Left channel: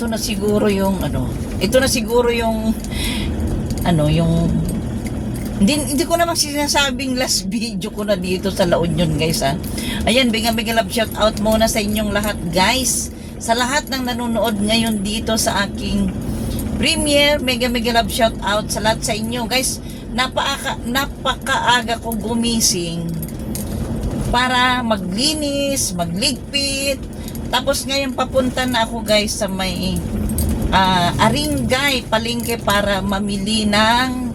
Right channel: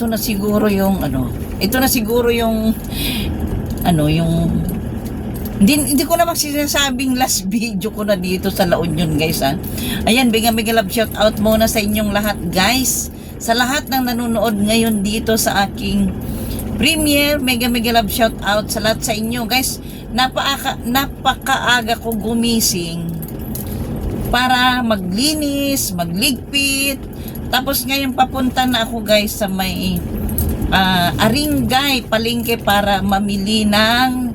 ito na siguro yung ito na siguro yung yung hindi ko naman sinasabing last video ko na dito sa La Union, guys, ha. Ayan, mega love shout out muna sa inyong lahat, guys. Sa lahat ng nanonood ngayon dito sa aking premiere, mega love shout out sa lahat sa inyo, guys. Napakaaga ko gumising para maglinis, magligpit. Tapos ngayon papunta na ako, guys, sa may Aringay palengke para mamili ng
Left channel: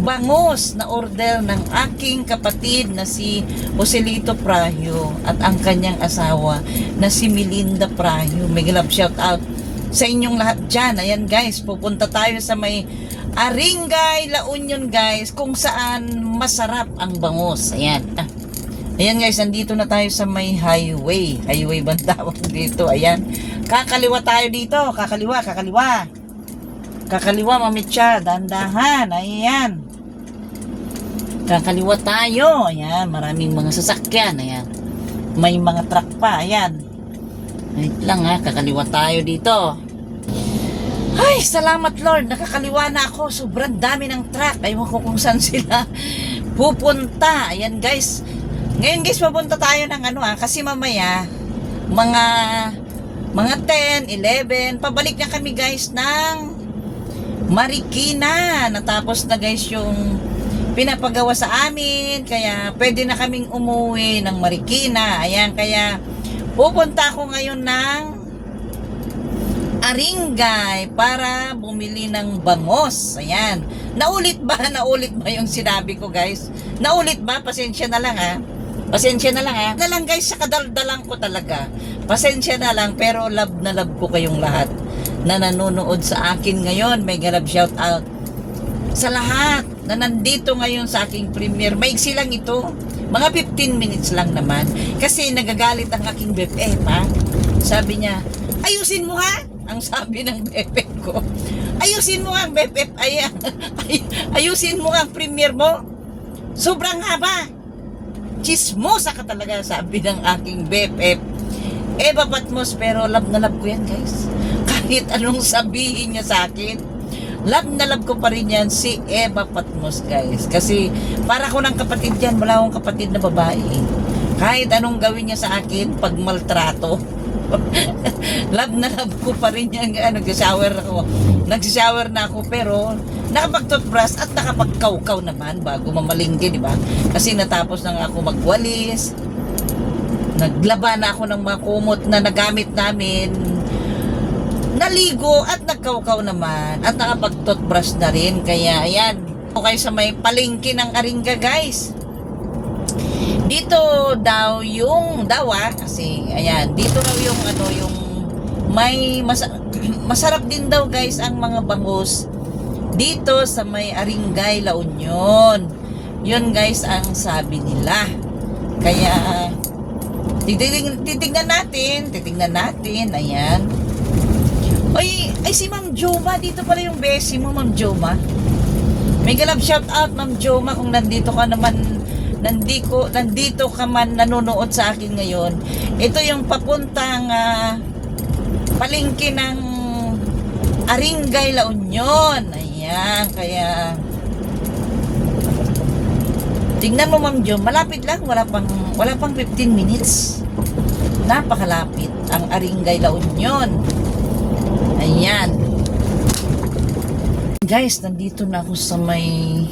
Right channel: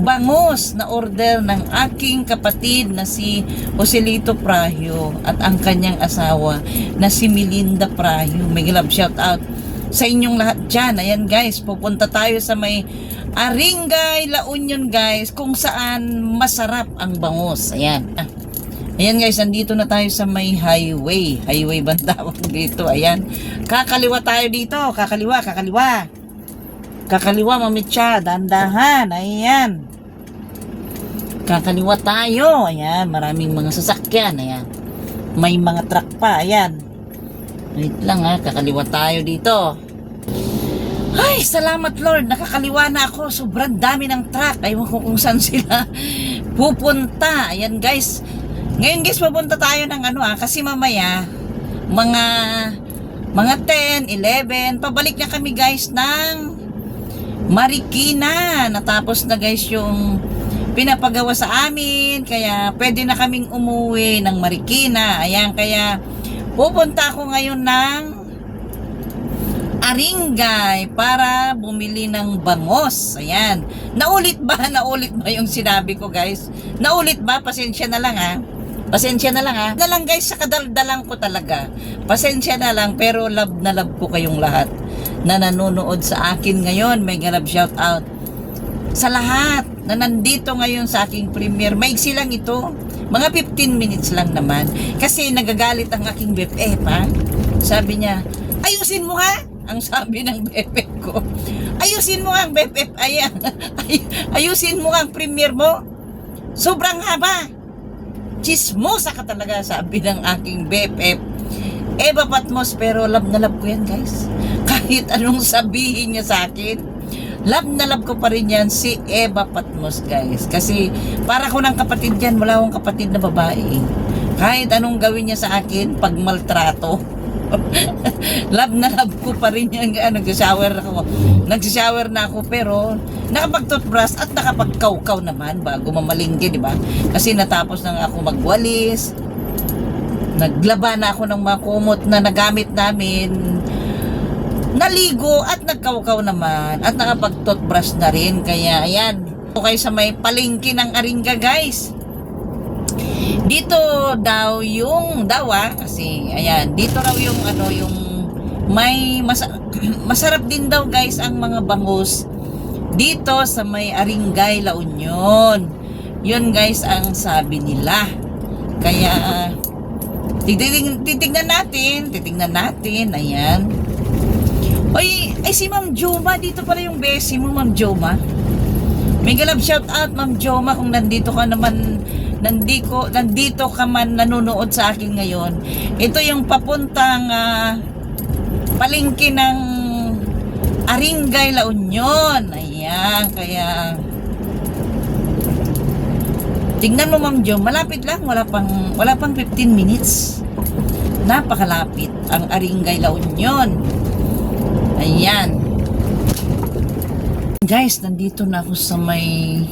bangus na order ng aking kapatid na si Joselito Prahio at ang kanyang asawa na si Melinda Prahio. May love shout out sa inyong lahat dyan. Ayan, guys, pupunta tayo sa may Aringay, La Union, guys, kung saan masarap ang bangus. Ayan. Ayan, guys, nandito na tayo sa may highway. Highway ba tawag dito? Ayan. Kakaliwa tayo dito. Kakaliwa. Kakaliwa, mamitsa. Dandahan. Ayan. Kakaliwa tayo. Ayan. Maraming mga sasakyan. Ayan. May mga truck pa. Ayan. Wait lang, ha. Kakaliwa tayo dito. Ay, salamat, Lord. Nakakaliwa na ako. Sobrang dami ng truck. Aywan ko kung saan sila pupunta. Ayan, guys. Ngayon, guys, papunta tayo ng kasi mamaya mga 10, 11, pabalik na kami, guys, ng Marikina. Natapos na, guys, yung pinapagawa sa amin, kaya pwede na kaming umuwi ng Marikina. Ayan, kaya pupunta ako ngayon ng Aringay para bumili ng bangus. Ayan. Naulit ba yung sinabi ko, guys? Naulit ba? Pasensya na lang, ha. Pasensya na lang, ha. Na lang, guys, sa kadaldalan ko talaga. Pasensya na lang, pero love na love ko kayong lahat na nanonood sa akin ngayon. May love shout out sa lahat na nandito ngayon sa aking premiere. Maiksi lang ito. Mga 15 minutes lang naman. Kasi nagagalit ang aking BFF, ha. Sabi niya, ayusin mo, ha. Ang sabi ng BFF ko. Ayusin mo ang BFF. Ayusin mo ang premiere mo. Sobrang haba. Chismosa ka talaga, sabi ng aking BFF. Eva Patmos, pero love na love ko yan, guys. Kahit anong sabihin niya sa akin, love na love ko pa rin yan si Eva Patmos, guys. Kasi para ko ng kapatid yan, wala akong kapatid na babae. Kahit anong gawin niya sa akin, pag maltrato, love na love ko pa rin yan. Nagsishower na ako, pero nakapag-toothbrush at nakapag-kaukaw naman bago mamalinggi, di ba? Kasi natapos na ako magwalis, naglaba na ako ng mga kumot na nagamit namin, naligo at nagkaukaw naman at nakapag-toothbrush na rin. Kaya ayan, kayo sa may palengke ng Aringay, guys. Dito daw kasi ayan, dito raw yung yung may masarap din daw, guys, ang mga bangus dito sa may Aringay, La Union. Yun, guys, ang sabi nila. Kaya titignan natin. Ayan. Ay si Ma'am Joma, dito pala yung besi mo, Ma'am Joma. May love shout out, Ma'am Joma, kung nandito ka man nanonood sa akin ngayon. Ito yung papuntang palengke ng Aringay, La Union. Ayan, kaya tingnan mo, Ma'am Jo, malapit lang, wala pang 15 minutes. Napakalapit ang Aringay, La Union. Ayan. Guys, nandito na ako sa may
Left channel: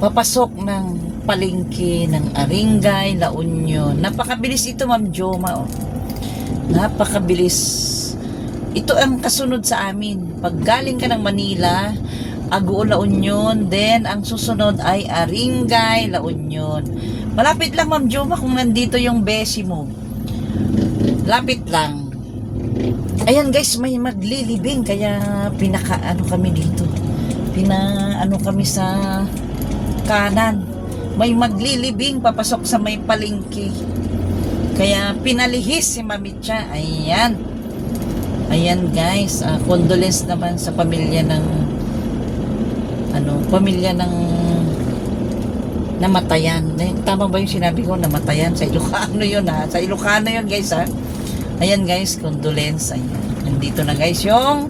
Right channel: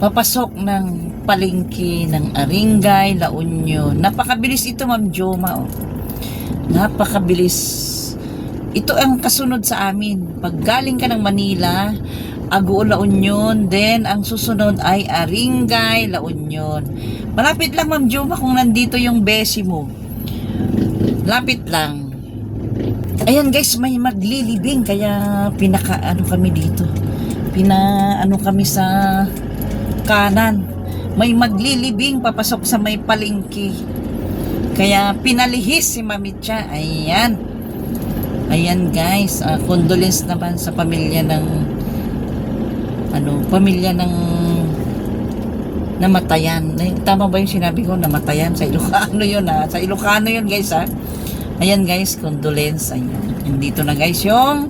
papasok ng palengke ng Aringay, La Union. Napakabilis ito, Ma'am Joma, oh. Napakabilis. Ito ang kasunod sa amin. Pag galing ka ng Manila, Aguo, La Union, then ang susunod ay Aringay, La Union. Malapit lang, Ma'am Joma, kung nandito yung besi mo. Lapit lang. Ayan, guys, may maglilibing, kaya kami dito. Kami sa kanan. May maglilibing papasok sa may palengke. Kaya pinalihis si Mamitsa. Ayan, guys, condolence naman sa pamilya ng namatayan. Tama ba yung sinabi ko, namatayan? Sa Ilocano yun, ha? Sa Ilocano yun, guys, ha? Ayan, guys, condolence. Ayan. Nandito na guys yung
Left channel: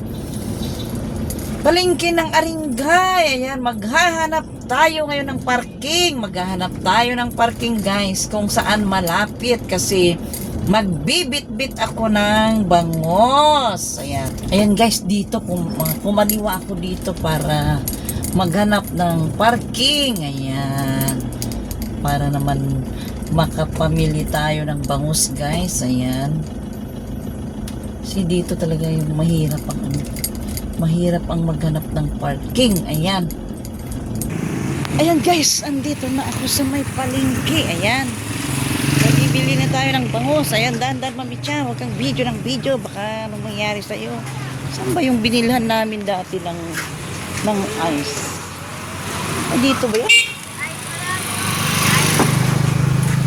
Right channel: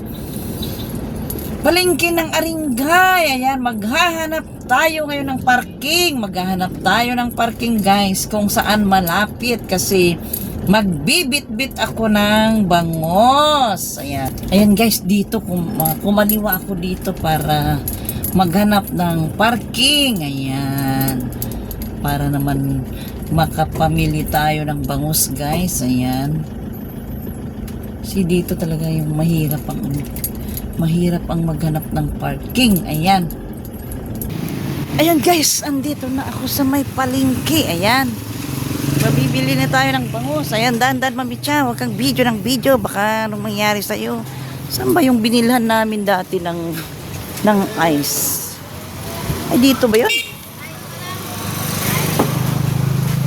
palengke ng Aringay. Ayan, maghahanap tayo ngayon ng parking. Maghahanap tayo ng parking guys kung saan malapit kasi magbibit-bit ako ng bangos. Ayan. Ayan guys, dito kumaliwa ako dito para maghanap ng parking. Ayan. Para naman makapamili tayo ng bangus guys. Ayan. Dito talaga yung mahirap ang maghanap ng parking. Ayan. Ayan guys, andito na ako sa may palengke. Ayan. Bibili na tayo ng bangus. Ayan, dandan mamicha. Huwag kang video ng video. Baka anong mangyari sa'yo. Saan ba yung binilhan namin dati ng ice? Ay, dito ba yun?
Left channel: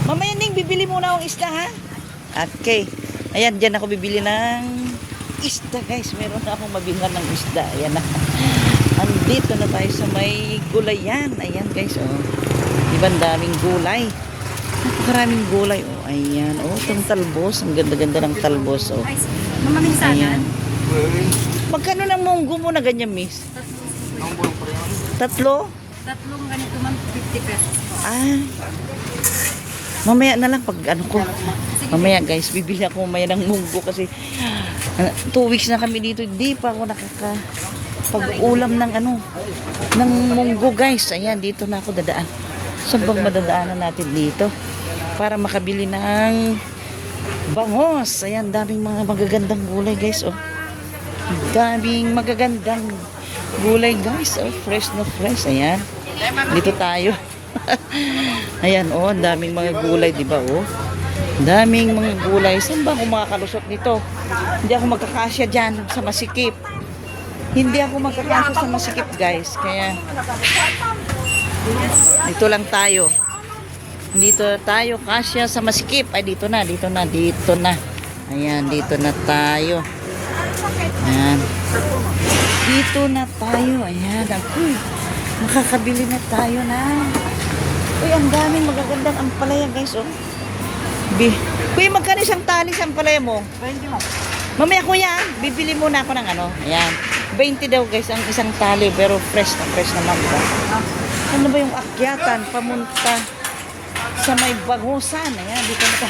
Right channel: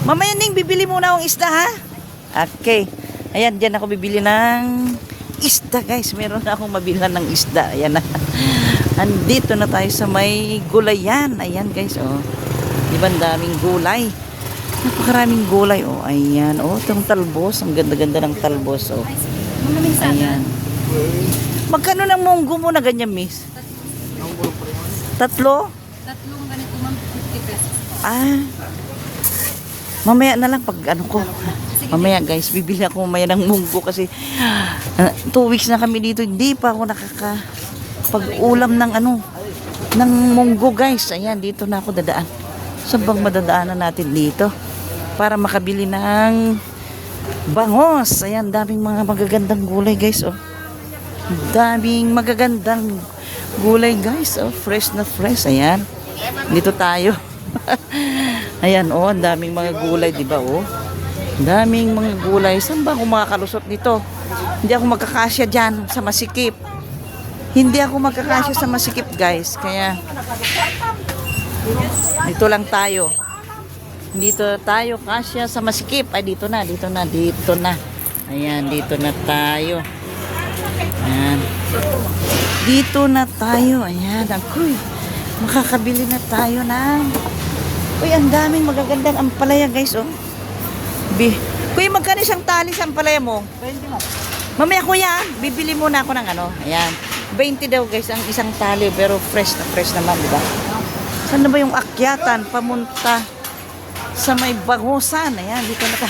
Mamaya Ning, bibili muna akong isda ha. Okay. Ayan, dyan ako bibili ng isda guys. Meron na akong mabilhan ng isda. Ayan na. Andito na tayo sa may gulayan. Ayan guys, oh. Diba daming gulay? Napakaraming gulay, oh. Ayan, oh. Itong talbos. Ang ganda-ganda ng talbos, oh. Ayan. Magkano ng munggo mo na ganyan, miss? Tatlo? Tatlong ganito, ma'am, 50 pesos. Ah. Mamaya na lang pag ano ko. Mamaya guys, bibili ako mamaya ng munggo kasi 2 weeks na kami dito. Hindi pa ako pag-ulam ng ng munggo guys. Ayan, dito na ako dadaan. Saan bang madadaanan natin dito? Para makabili ng bangos. Ayan, daming mga magagandang gulay guys. Oh. Daming magagandang gulay guys. Oh, fresh na fresh. Ayan. Dito tayo. Ayan, oh, daming mga gulay, di ba, oh? Daming mga gulay. Saan ba ako makakalusot nito? Hindi ako magkakasya dyan sa masikip. Hindi ako magkakasya sa masikip, guys. Kaya, dito lang tayo. Dito tayo, kasya sa masikip. Ay, dito na. Ayan, dito na tayo. Ayan. Dito na tayo. Ayan, makakabili na tayo ng... Uy, ang daming magagandang ampalaya, guys, oh. Kuya, magkano isang tali sa ampalaya mo? 20 mo. Mamaya, kuya, bibili muna ako ng Ayan. 20 daw, guys, ang isang tali. Pero fresh naman, diba? Saan na ba yung akyatan? Pamunta sa may bangusan. Ayan, dito na ka.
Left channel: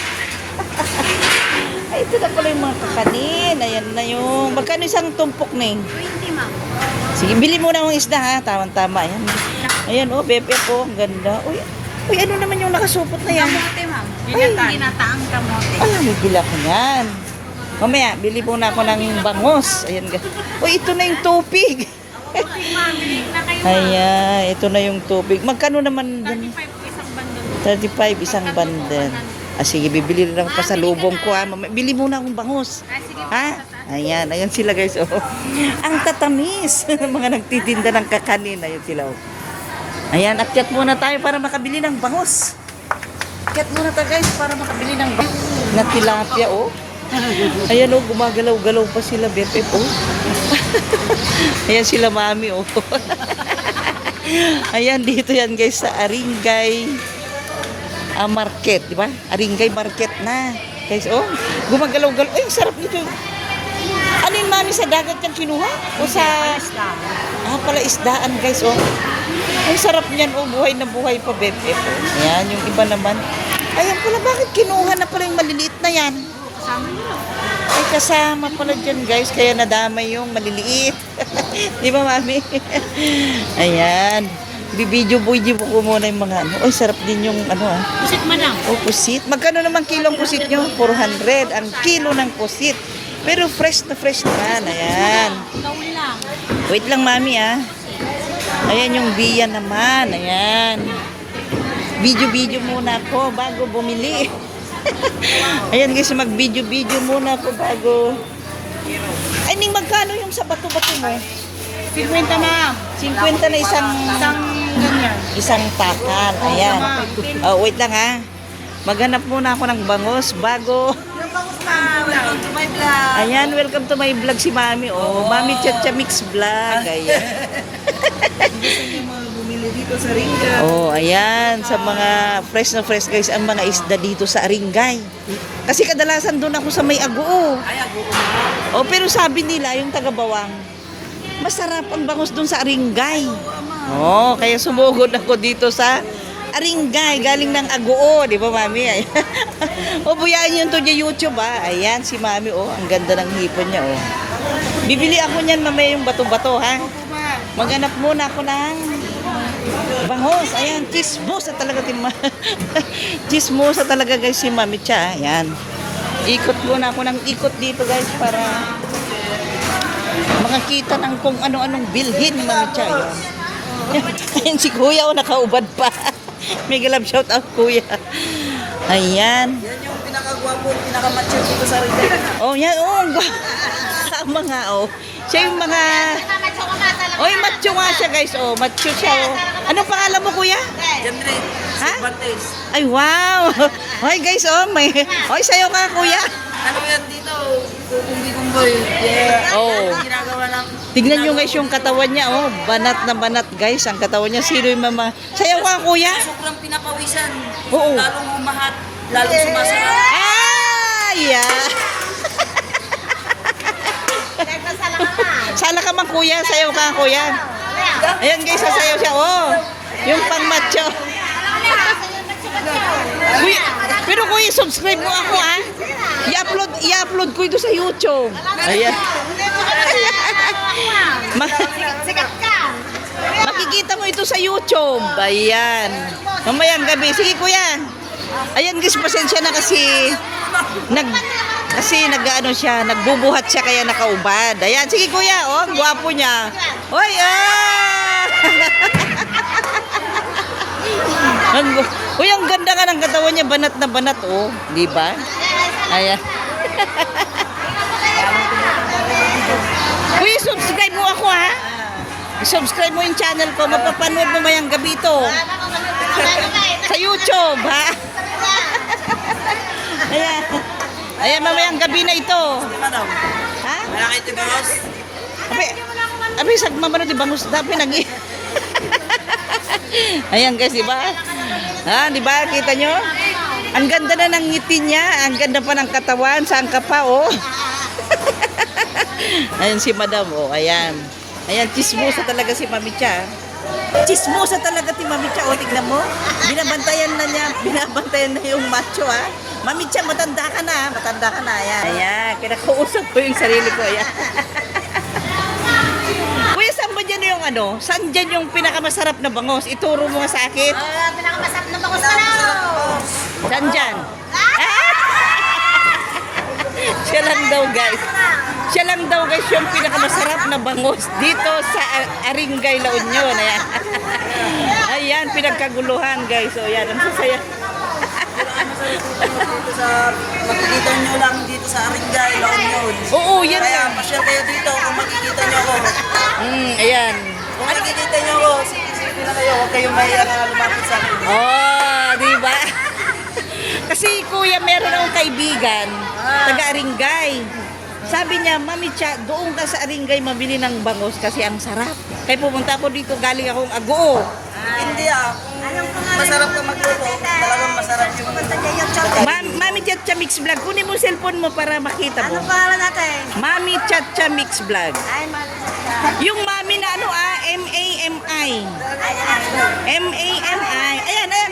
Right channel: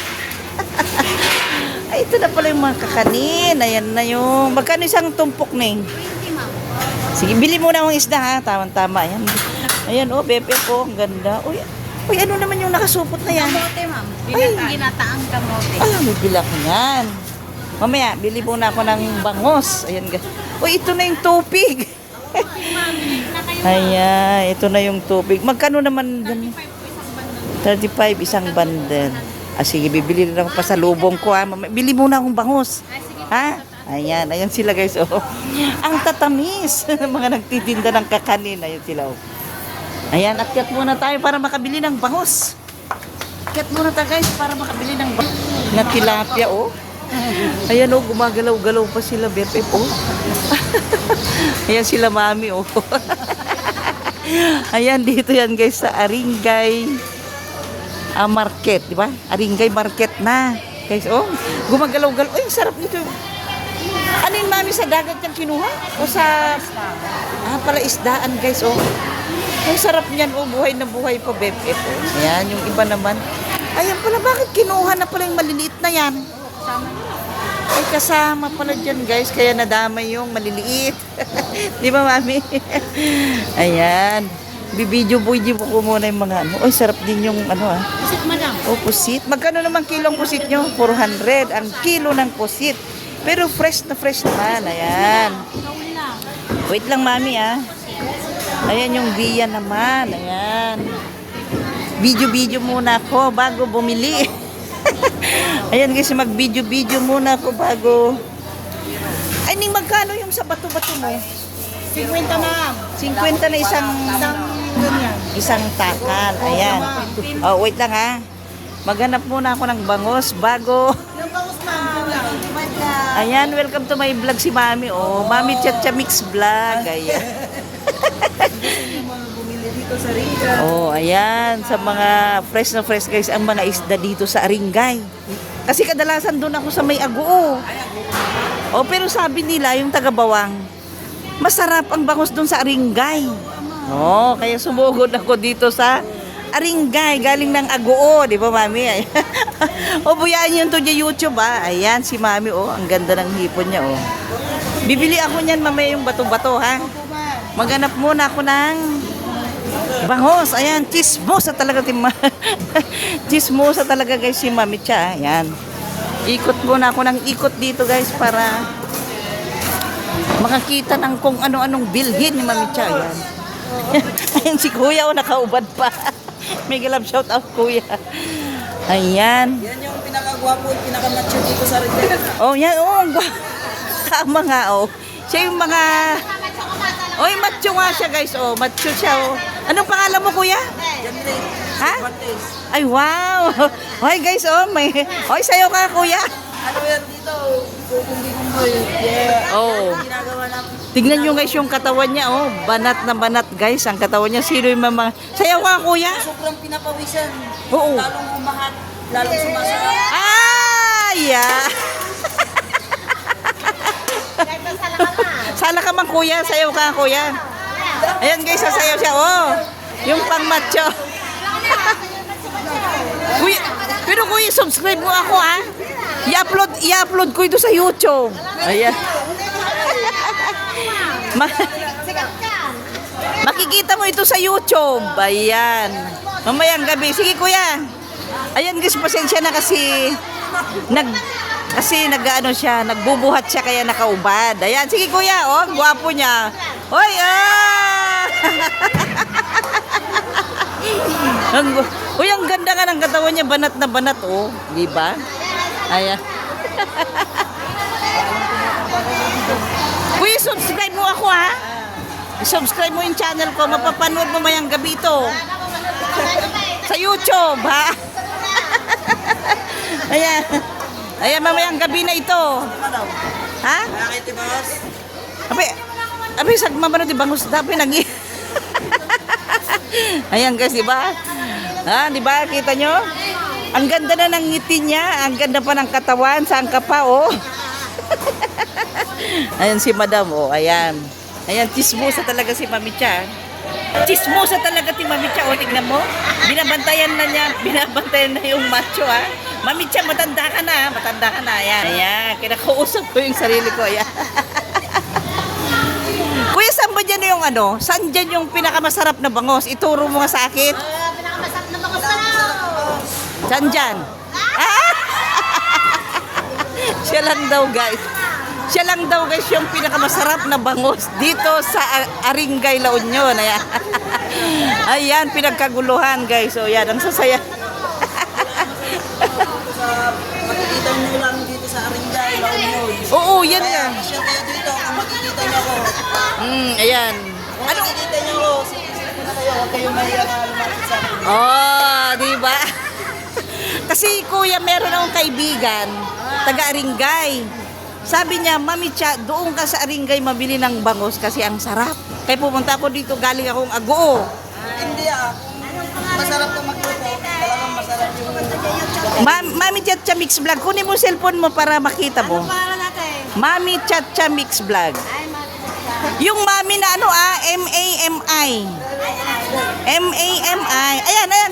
Ay, ito na pala yung mga kakanin. Ayan na yung... Magkano isang tumpok, Ning? 20, ma'am. Sige, bili muna akong isda, ha? Tama-tama. Ayan. Ayan, oh, pepe po. Ang ganda. Uy, ano naman yung nakasupot na yan? Kamote, ma'am. Ginataang kamote. Ay, may bilak yan. Mamaya, bili muna ako ng bangos. Ayan, guys. Uy, ito na yung tubig. Ayan, ito na yung tubig. Magkano naman? 35 isang bundle. Ah, sige, bibili na ako pa sa lubong ko, ha? Bili muna akong bangos. Ha? Ayan sila guys, oh. Ang tatamis. Mga nagtitinda ng kakanin. Ayan sila, oh. Ayan, akyat muna tayo para makabili ng bangos. Akyat muna tayo guys para makabili ng bangos. Na tilapia, oh. Ayan, oh, gumagalaw-galaw pa sila, Bepe, oh. Ayan sila, mami, oh. Ayan, dito yan guys sa Aringay Market, di ba? Aringay Market na. Guys, oh, gumagalaw-galaw. Ay, sarap nito. Ano yung mami sa dagat yung kinuha? O sa... pala isdaan guys, oh. Ang sarap niyan, oh. Buhay na buhay pa, Bepe. Yan, yung iba naman. Ayan pala, bakit kinuha na pala yung maliliit na yan? Kasama yun. Ay, kasama pala dyan guys. Kaya nadamay yung maliliit. Di ba, mami? Ayan. Bibidyo ko muna yung mga Ay, sarap din yung Pusit man lang. Oh, pusit. Magkano naman kilong pusit nyo? 400. Ang kilo ng pusit. Pero fresh naman. Ayan. Gawin lang. Wait lang, mami, ah. Ayan yung biya naman. Ayan. Video muna ako bago bumili. Ayan guys, mag-video muna ako bago. Ay, Ning, magkano yung sa bato-bato mo? 50 na. 50 na isang takan. Ayan. Oh, wait lang, ha. Maghanap muna ako ng bangos bago. Ayan, welcome to my vlog si Mami. Oh, Mami Chacha Mix Vlog. Ayan. Dito sa Aringay. Oh, ayan. Sa mga fresh na fresh guys, ang mga isda dito sa Aringay. Kasi kadalasan doon ako sa may Agoo. Oh, pero sabi nila, yung taga-Bawang, masarap ang bangus doon sa Aringay. Oh, kaya sumugod ako dito sa Aringay, galing ng Aguo, di ba, Mami? O, buyaan niyo to sa YouTube, ah. Ayan, si Mami, oh, ang ganda ng hipon niya, oh. Bibili ako niyan mamaya yung bato-bato, ha? Maghanap muna ako ng bangos. Ayan, chismosa talaga, chismosa talaga, guys, si Mami Cha. Ayan. Ikot muna ako ng ikot dito, guys, para makakita ng kung ano-anong bilhin ni Mami Cha. Ayan si Kuya, oh, nakaubad pa. May galab shout out, Kuya. Ayan. Yan yung pinakagwapo, yung pinakamacho dito sa Rizal. Oh, yan, oh. Tama nga, oh. Siya yung mga... Oy, macho nga siya, guys. Oh, macho siya, oh. Anong pangalan mo, Kuya? Jemre, Ha? Bates. Ay, wow. Hoy, guys, oh. May... Hoy, sayo ka, Kuya. Ano yan dito? Kukumbi-kumboy. Yeah. Oh. Ginagawa ng... Tignan nyo, guys, yung katawan niya, oh. Banat na banat, guys. Ang katawan niya. Sino yung mama... Sayo ka, Kuya. Sobrang pinapawisan. Oo. Lalong umahat. Lalong sumasarap. Ay, yeah. Sana ka man, Kuya. Sayo ka, Kuya. Ayan, guys, sasayaw siya. Oh, yung pang macho. Kuya, pero Kuya, subscribe mo ako, ha? I-upload ko ito sa YouTube. Ayan. Makikita mo ito sa YouTube. Ayan. Mamayang gabi. Sige, Kuya. Ayan, guys, pasensya na kasi nag-ano siya, nagbubuhat siya kaya nakaubad. Ayan, sige, Kuya. Oh, ang gwapo niya. Hoy, ah! Kuya, ang ganda nga ng katawan niya, banat na banat, oh. Di ba? Ayan. Kuya, subscribe mo ako, ha? Subscribe mo yung channel ko. Mapapanood mo mayang gabi ito. Sa YouTube, ha? Ayan. Ayan, mamayang gabi na ito. Madam, Ha? nakakit yung bangas? Abay, sagmamano di bangus dapat nag Ayan, guys, di ba? Ha, di ba? Kita nyo? Ang ganda na ng ngiti niya. Ang ganda pa ng katawan. Saan ka pa, oh? Ayan si Madam, oh. Ayan. Ayan, chismosa talaga si Mami Cha. Chismosa talaga si Mami Cha, oh. Tignan mo. Binabantayan na yung macho, ha. Mami Cha, matanda ka na, ha. Matanda ka na. Ayan. Ayan. Kinakausap ko yung sarili ko, ayan. Kuya, saan ba dyan yung ano? Saan dyan yung pinakamasarap na bangos? Ituro mo nga sa akin. Pinakamasarap na bangos na raw. Saan dyan? Siya lang daw, guys. Siya lang daw, guys, yung pinakamasarap na bangos dito sa Aringay, La Union. Ayan. Ayan, pinagkaguluhan, guys. So, yan, ang sasaya. Makikita nyo lang dito sa Aringay, La Union. Oo, yan Kaya, lang. masyal kayo dito kung makikita nyo ako. Ayan. Kung makikita nyo ako, sige na kayo. Huwag kayong mahirap na lumapit sa akin. Oh, di ba? Kasi kuya, meron akong kaibigan, taga Aringay. Sabi niya, Mami Cha, doon ka sa Aringay mabili ng bangos kasi ang sarap. Kaya pumunta ako dito, galing akong Aguo. Hindi kung masarap ka magluto, talagang masarap yung... Mami Chacha Mix Vlog. Kunin mo cellphone mo para makita mo. Pangalan natin? Mami Chacha Mix Vlog. Yung mami na ano M-A-M-I. M-A-M-I. Ayan, ayan.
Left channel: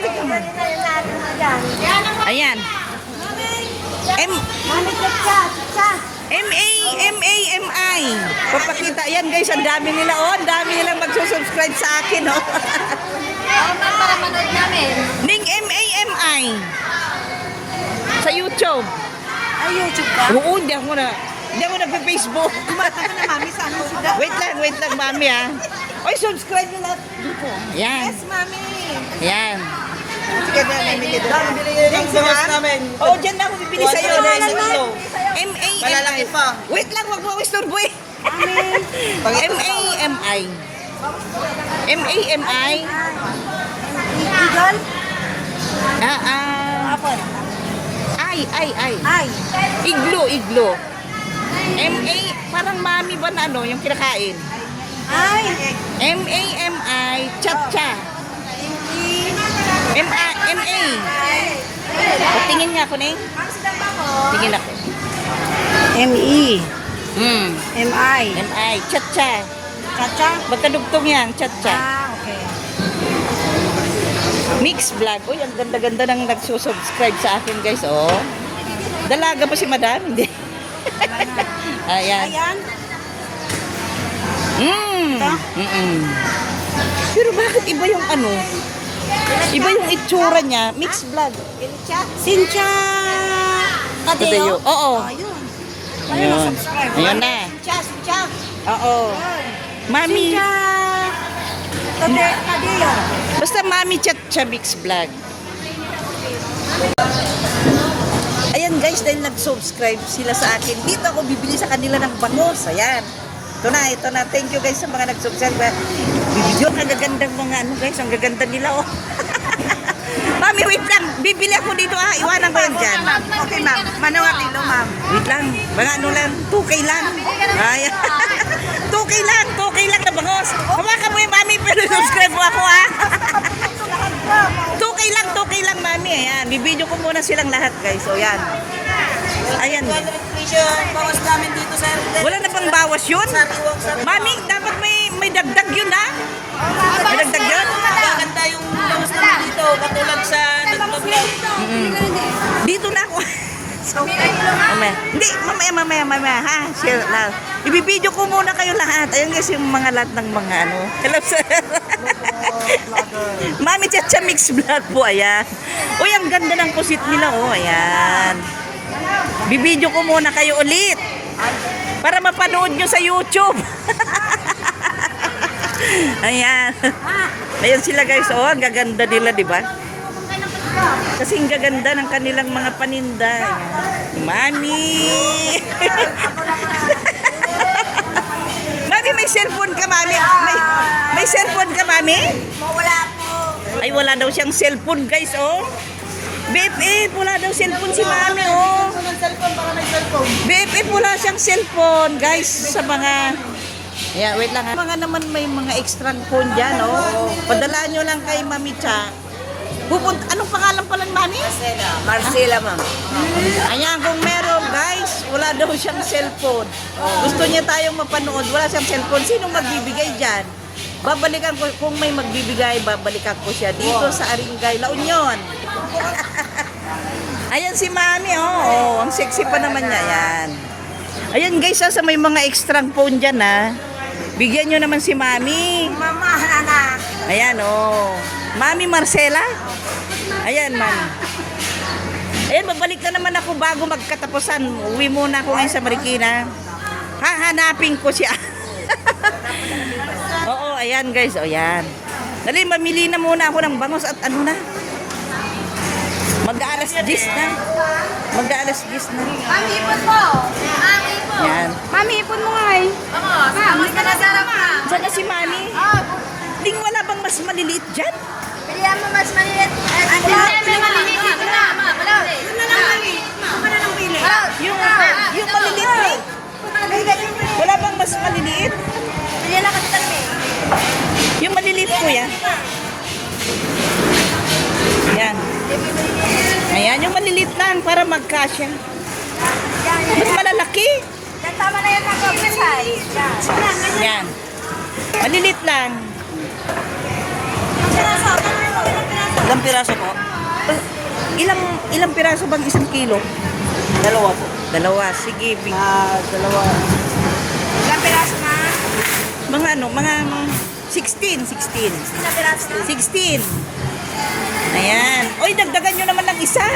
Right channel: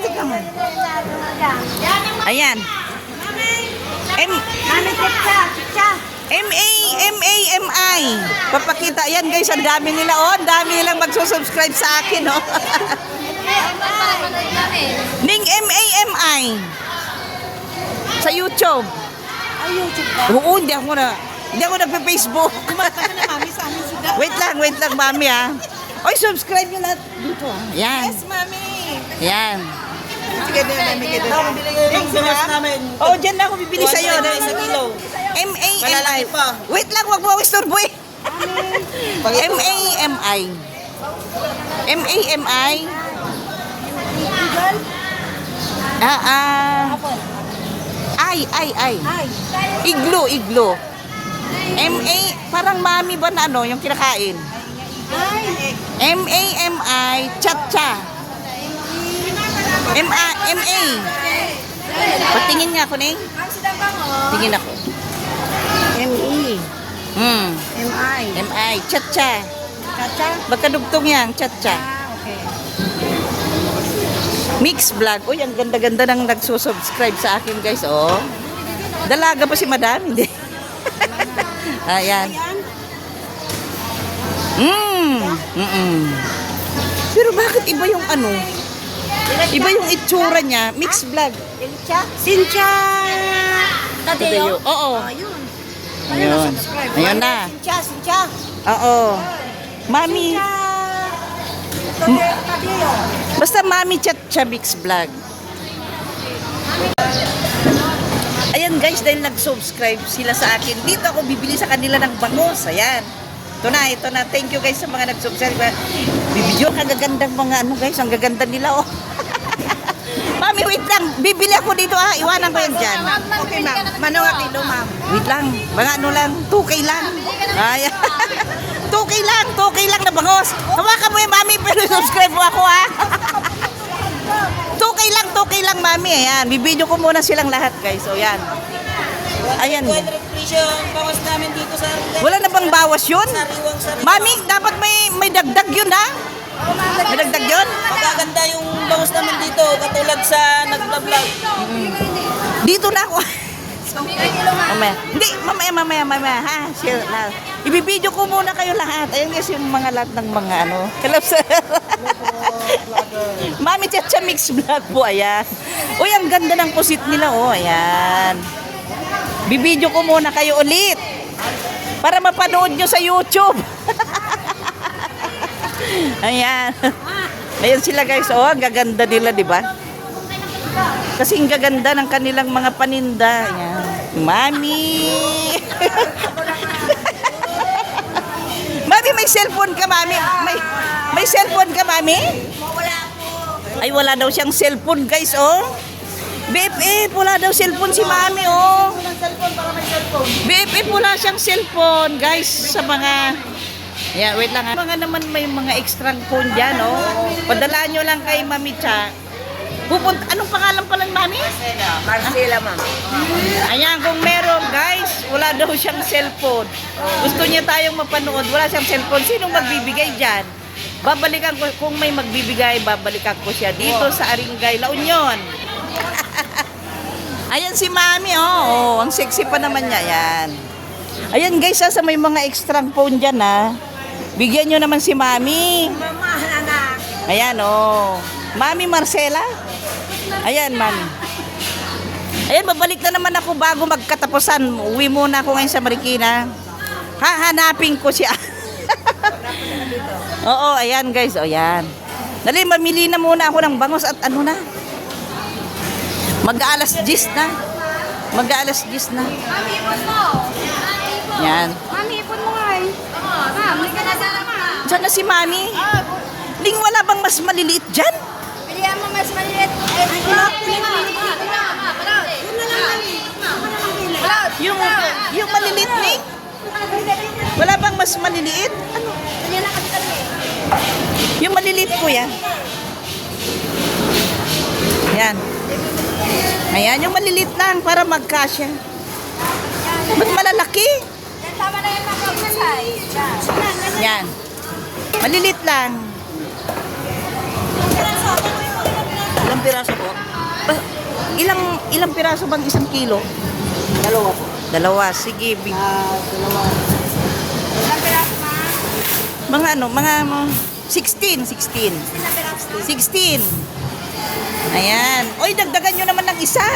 Ayan. M-A-M-I. Papakita. Ayan guys, ang dami nila. Oh, ang dami nilang magsusubscribe sa akin. Oh. Ning M-A-M-I. Sa YouTube. Ay, YouTube ka? Oo, hindi ako nagpe-Facebook. Wait lang, mami, ha. Oy, subscribe nyo lahat dito. Yan. Yes, mami. Yan. Sige, binigay ng bawas namin. Oh, dyan na ako bibili sa'yo. Sa kilo. M-A-M-I. Malalaki pa. Wait lang, wag mo istorbo eh. M-A-M-I. M-A-M-I. Ay. Iglo. M-A, parang mami ba na ano, yung kinakain? Ay. M-A-M-I, Chacha. M-A. Patingin nga ako na eh. Tingin ako. M-E. MI. MI. Cha-cha. Chacha? Magkadugtong yan. Cha-cha. Okay. Mix vlog. Uy, ang ganda-ganda nang nagsusubscribe sa akin, guys. Oh. Dalaga pa si madam. Ayan. Ayan. Pero bakit iba yung ano? Iba yung itsura niya. Mix vlog. Cynthia Tadeo? Oo. Ayun. Ayun. na-subscribe. Ayun na. Cynthia. Oo. Mami. Tadeo. Basta Mami Chacha Mix Vlog. Ayan guys, dahil nag-subscribe sila sa akin, dito ako bibili sa kanila ng bangus. Ayan. Ito na. Thank you guys sa mga nag-subscribe. Bibidyo, kagagandang mga ano guys, ang gaganda nila oh. Mami, wait lang. Bibili ako dito ha. Iwanan ko yan dyan. Okay, ma'am. Manawa kilo, ma'am. Wait lang. Mga ano lang. 2K lang. Ay, 2K lang na bangus. Hawakan mo yung mami, pero subscribe mo ako ha. 2K lang mami. Ayan. Bibidyo ko muna silang lahat guys. So yan. Ayan. 200 presyo bawas namin dito sa Wala na bang bawas yun? sariwang sariwang. Mami, dapat may dagdag yun ha. May dagdag yun? Magaganda yung bawas namin dito, katulad sa nag-vlog. Dito na ako. Mamaya. Hindi, mamaya, ha? Share lang. Ibibidyo ko muna kayo lahat. Ayun guys, yung mga lahat ng mga ano. Kalapsar. Mami Chacha Mix Vlog po, ayan. Uy, ang ganda ng pusit nila, oh, ayan. Bibidyo ko muna kayo ulit. Para mapanood nyo sa YouTube. Ayan. Ayan sila guys, oh, ang gaganda nila, di ba? Kasi ang gaganda ng kanilang mga paninda. Ayan. Mami! Mami, may cellphone ka, Mami? May cellphone ka, Mami? Wala po. Ay, wala daw siyang cellphone, guys, oh. BFF, wala daw cellphone si Mami, oh. BFF, wala siyang cellphone, guys, sa mga... Yeah, wait lang. Mga naman may mga extra phone dyan, oh. Padala nyo lang kay Mami Cha. Pupunta, anong pangalan pala ng Mami? Marcela, ma'am. Ayan, kung meron, guys, wala daw siyang cellphone. Gusto niya tayong mapanood, wala siyang cellphone. Sinong magbibigay dyan? Babalikan ko, kung may magbibigay, babalikan ko siya dito sa Aringay, La Union. Ayan si Mami, oh. Ang sexy pa naman niya, yan. Ayan guys, sa may mga extra phone dyan, ha. Bigyan nyo naman si Mami. Mama, anak. Ayan, oh. Mami Marcela. Ayan, Mami. Ayan, babalik na naman ako bago magkatapusan. Uwi muna ako ngayon sa Marikina. Hahanapin ko siya. Oo, ayan guys. O, ayan. Dali, mamili na muna ako ng bangus at ano na. Mag-aalas 10 na. Mag-aalas 10 na. Mami, ipon mo. Mami, ipon. Yan. Mami, ipon mo nga eh. Ma'am, may ka na sana nga. Diyan na si Mami. Ling, wala bang mas maliliit dyan? Pilihan mo mas maliit. Ay, wala. Wala maliliit. Wala. Wala. Wala na lang eh. Wala na lang pili. Yung maliliit, Ling. Wala bang mas maliliit? Pilihan na kasi talaga eh. Yung maliliit ko yan. Yan. Ayan, yung maliliit lang para magkasya. Mas malalaki. Tama na yan ako. Yan. Maliliit lang. Ilang piraso po? Ilang piraso bang 1 kilo? Dalawa po. Dalawa. Sige, big. Dalawa. Ilang piraso na? Mga ano, mga 16. 16. Ayan. Oy, dagdagan nyo naman ng isa.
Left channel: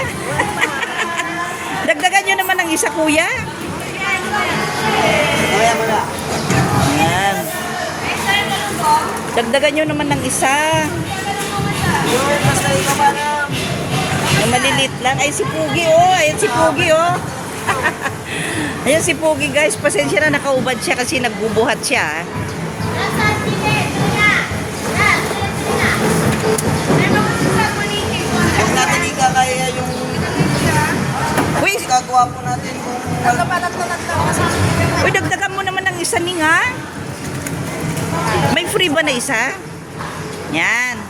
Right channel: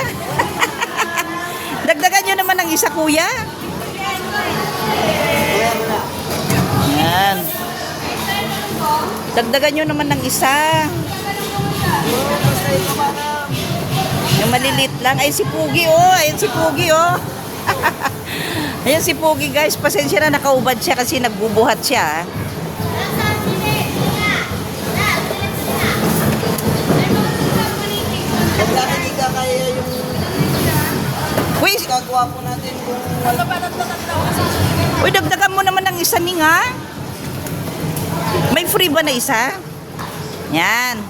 Dagdagan nyo naman ng isa, kuya. Kaya mo na. Ayan. Dagdagan nyo naman ng isa. Basta ikaw para. Yung maliliit lang. Ay, si Pugi, oh. Ayan si Pugi, oh. Ayan si Pugi, guys. Pasensya na nakaubad siya kasi nagbubuhat siya. Huwag natin ikakaya yung Wait. gagawa po natin kung Uy, dagdagan mo naman ng isa, Ning, ha? May free ba na isa? Yan.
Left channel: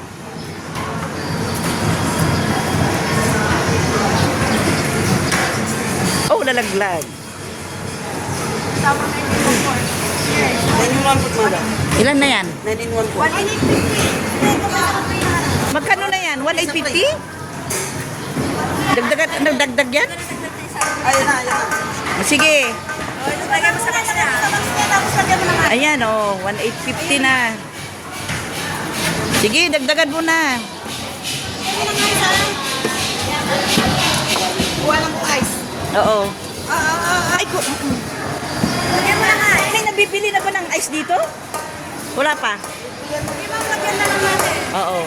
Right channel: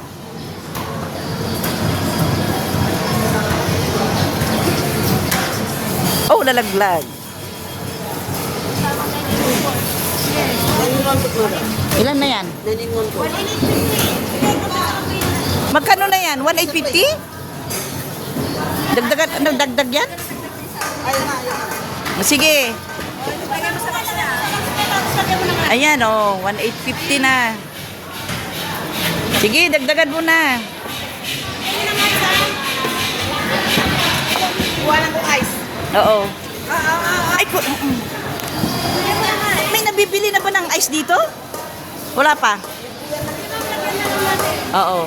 Oh, nalaglag. 9-in-1 po, madam. Ilan na yan? 9-in-1 po. Magkano na yan? 1,850? Nagdagdag yan? Ayun na. Sige. Ayan, 1,850 na. Sige, dagdagan mo na. Oo. Ay, may nabibili na ba ng ice dito? Wala pa? Oo.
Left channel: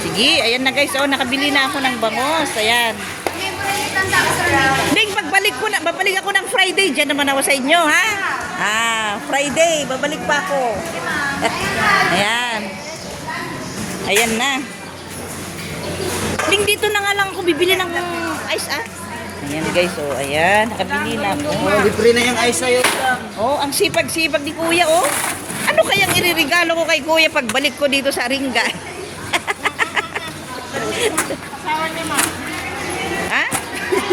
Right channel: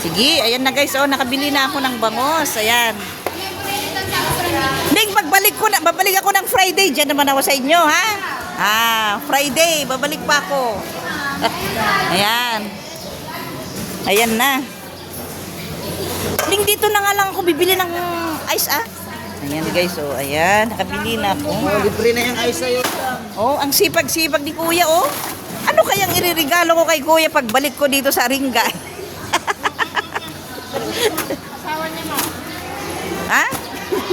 Sige, ayan na guys. Nakabili na ako ng bangos. Ayan. Nick, babalik ako ng Friday. Diyan naman ako sa inyo, ha? Friday, babalik pa ako. Ayan. Ayan na. Ning, dito na nga lang ako bibili ng ice, Ayan guys, ayan. Nakabili na ako. Libre na yung ice sa'yo. Ang sipag-sipag ni Kuya, Ano kayang iririgalo ko kay Kuya pagbalik ko dito sa Ringa? Ha?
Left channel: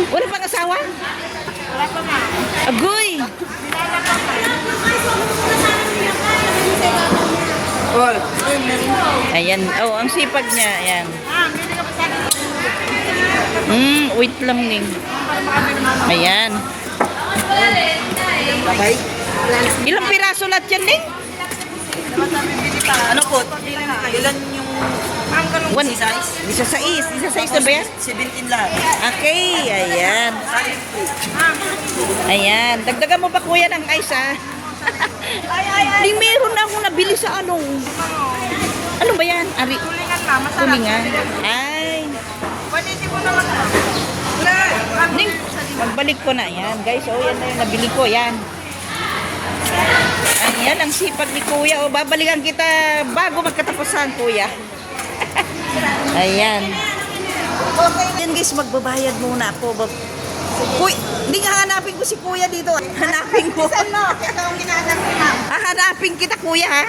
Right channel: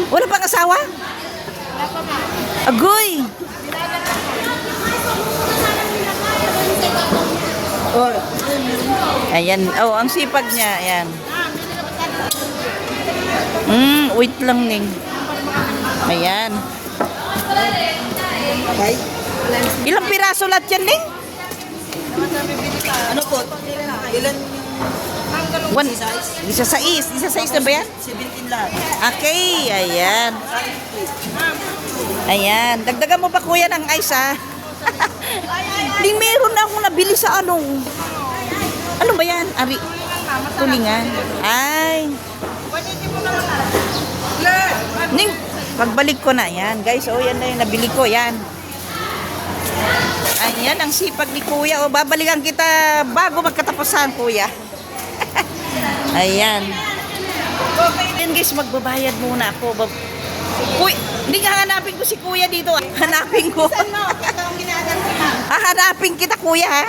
Wala pang asawa? Wala pa, ma. Agoy! Ayan, ang sipag niya, ayan. Wait lang, Ning. Ayan. Okay. Ilang piraso lahat yan, Ning? Ano po? Ilan yung size? Isa sais na ba yan? 17 lang. Okay, ayan. Ayan. Dagdagan mo pa, Kuya, ng ice, Ning, meron na akong nabili sa ano ba yan? Kuningan. Ay. Ning, pagbalik ko na, yan guys. Yan na yung nabili ko, yan. Ayan, ang sipag ni Kuya. Babalikan kita bago magkatapusan, Kuya. Ayan. Yan guys, magbabayad muna ako. Kuy, hindi ka hanapin ko si Kuya dito. Hanapin ko. Hanapin kita, Kuya, ha?